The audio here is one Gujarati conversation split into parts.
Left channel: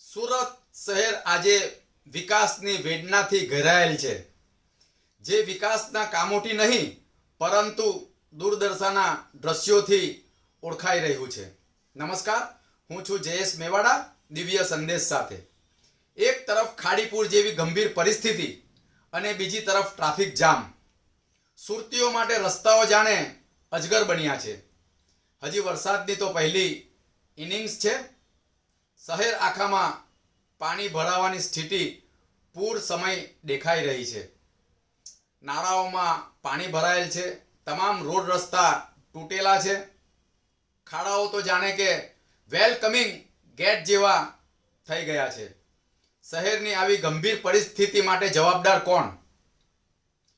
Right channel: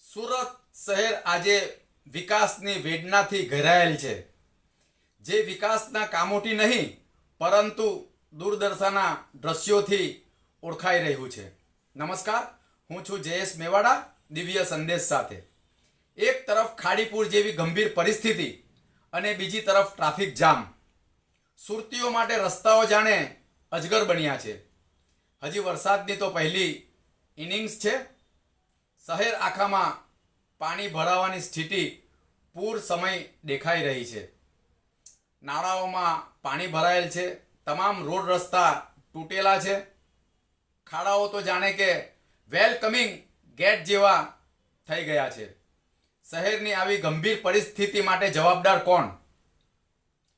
સુરત શહેર આજે વિકાસની વેદનાથી ઘેરાયેલ છે, જે વિકાસના કામોથી નહીં પરંતુ દૂરદર્શનના દ્રશ્યોથી ઓળખાઈ રહ્યું છે. નમસ્કાર, હું છું જયેશ મેવાડા દિવ્ય સંદેશ સાથે. એક તરફ ખાડીપુર જેવી ગંભીર પરિસ્થિતિ અને બીજી તરફ ટ્રાફિક જામ. સુરતીઓ માટે રસ્તાઓ જાણે અજગર બન્યા છે. હજી વરસાદની તો પહેલી ઇનિંગ્સ છે. શહેર આખામાં પાણી ભરાવાની સ્થિતિ પૂર સમય દેખાઈ રહી છે. નાળાઓમાં પાણી ભરાયેલ છે. તમામ રોડ રસ્તા તૂટેલા છે. ખાડાઓ તો જાણે કે વેલકમિંગ ગેટ જેવા થઈ ગયા છે. શહેરની આવી ગંભીર પરિસ્થિતિ માટે જવાબદાર કોણ?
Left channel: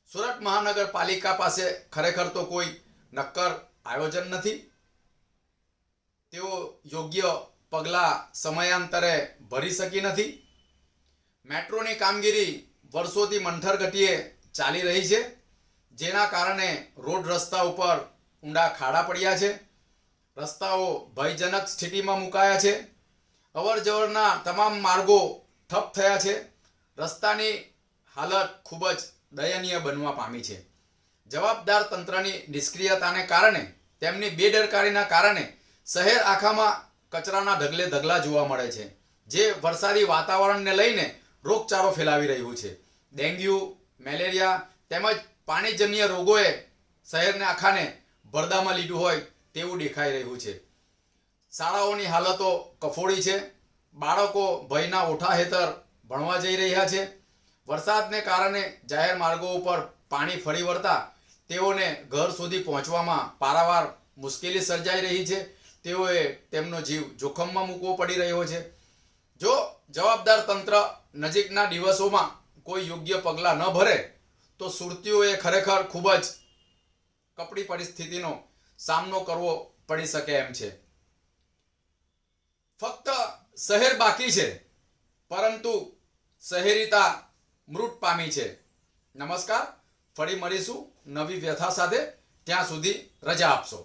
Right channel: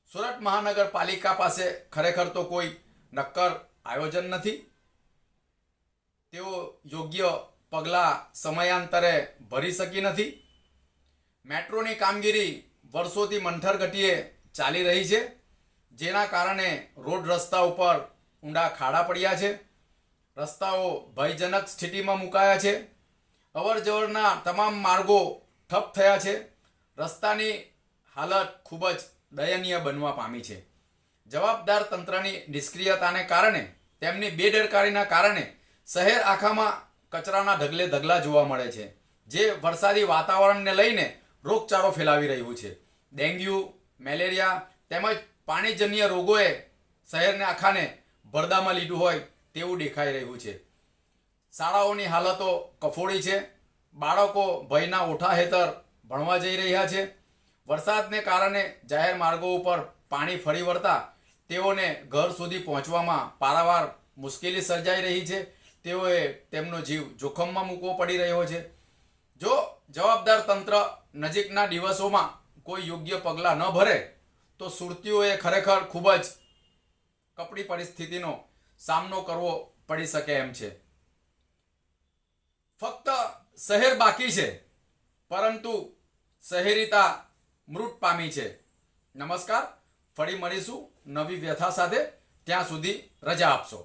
સુરત મહાનગરપાલિકા પાસે ખરેખર તો કોઈ નક્કર આયોજન નથી. તેઓ યોગ્ય પગલાં સમયાંતરે ભરી શકી નથી. મેટ્રોની કામગીરી વર્ષોથી મંથર ગતિએ ચાલી રહી છે, જેના કારણે રોડ રસ્તા ઉપર ઊંડા ખાડા પડ્યા છે. રસ્તાઓ ભયજનક સ્થિતિમાં મુકાયા છે. અવરજવરના તમામ માર્ગો ઠપ થયા છે. રસ્તાની હાલત ખૂબ જ દયનીય બનવા પામી છે. જવાબદાર તંત્રની નિષ્ક્રિયતાને કારણે, તેમની બેદરકારીના કારણે શહેર આખામાં કચરાના ઢગલે ઢગલા જોવા મળે છે, જે વરસાદી વાતાવરણને લઈને રોગચાળો ફેલાવી રહ્યું છે. ડેન્ગ્યુ, મેલેરિયા તેમજ પાણીજન્ય રોગોએ શહેરને આખાને ભરદામાં લીધું હોય તેવું દેખાઈ રહ્યું છે. શાળાઓની હાલતો કફોડી છે. બાળકો ભયના ઓઠા હેઠળ ભણવા જઈ રહ્યા છે. વરસાદને કારણે જાહેર માર્ગો ઉપર પાણી ફરી વળતા તેઓને ઘર સુધી પહોંચવામાં પારાવાર મુશ્કેલી સર્જાઈ રહી છે. તેઓએ તેમનો જીવ જોખમમાં મૂકવો પડી રહ્યો છે. જો જવાબદાર તંત્ર નજીકના દિવસોમાં કોઈ યોગ્ય પગલાં ન ભરે તો સુરતીઓએ ખરેખર ખૂબ જ કપરી પરિસ્થિતિનો સામનો કરવો પડી શકે એમ છે. ફક્ત શહેર બાકી છે, પરંતુ શહેરીતા મૃત પામી છે. નમસ્કાર, ફરી મળીશું નવી વ્યથા સાથે. ત્યાં સુધી રજા આપશો.